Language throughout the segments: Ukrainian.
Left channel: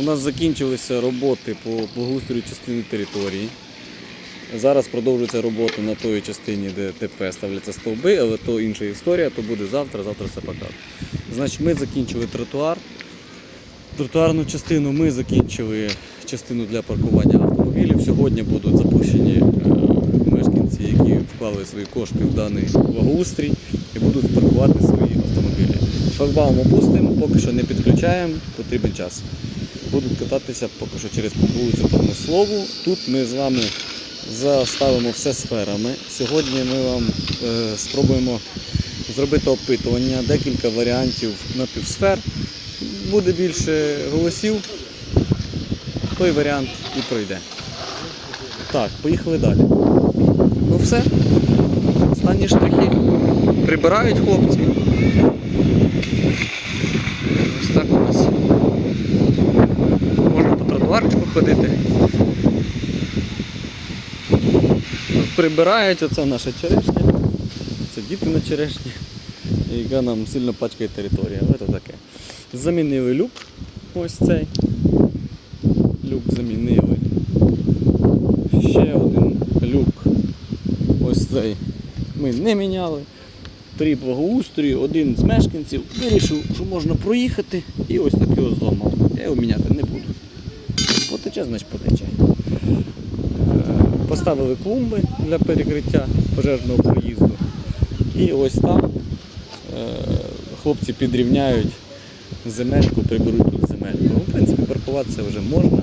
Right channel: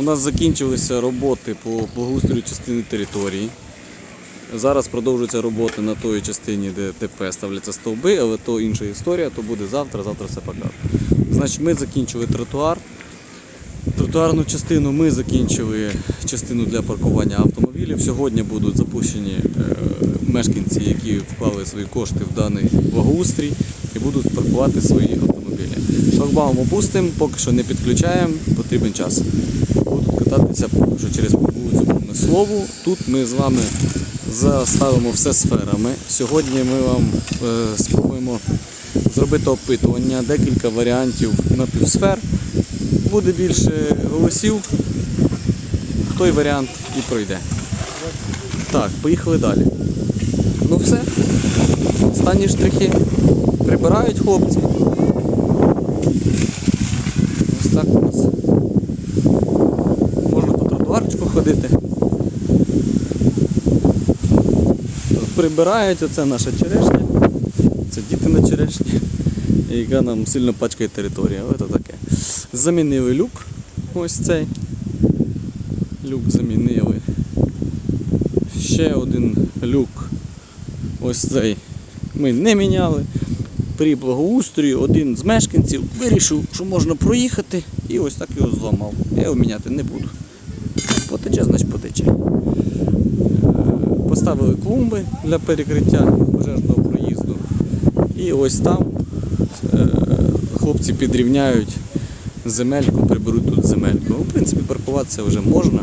У нас закінчилися роботи по благоустрою частини території. Зараз продовжуються роботи на тої частині, де ТП ставляться стовби, але то інша історія, то буде завтра, завтра все покажу. Значить, ми закінчили тротуар. Тротуарну частину ми закінчили частину для паркування автомобілів. Сьогодні будуть запущені е, мешканці, які вклали свої кошти в даний благоустрій і будуть паркувати свої автомобілі. Шлагбаум опустимо, поки що не підключаємо, потрібен час. Будуть кататися поки що через вулицю Промислову. Тут ми з вами заставимо все сферами. Сьогодні ми вам е, спробуємо зробити опитування, декілька варіантів напівсфер. Буде більше голосів, той варіант і пройде. Так, поїхали далі. Ну все. Останні штрихи. Прибирають хлопці. Ось так у нас. Можна по тротуарчику ходити. Прибирають, оце наша черешня. Це діти на черешні, яка нам сильно пачкає територію. Ось таке. Замінили люк. Ось цей. Люк замінили. Ще один люк. Ось цей. Ми не міняли. При благоустрої один з мешканців вирішив, що можна проїхати і ось так його зламав. Я його міняти не буду. Потече, значить потече. Поставили клумби для перекриття пожежного проїзду. І ось там е, хлопці підрівняють земельку, приберуть тут земельку. Ну, в принципі, паркуватися вже можна.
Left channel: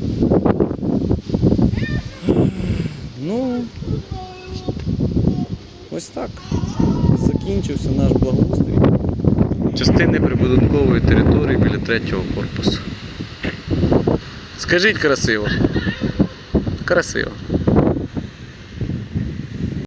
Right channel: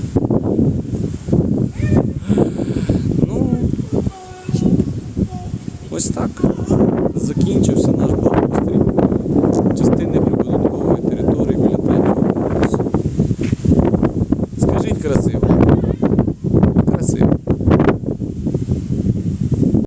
Ну, ось так. Закінчився наш благоустрій. Частини Скажіть красиво. Красиво.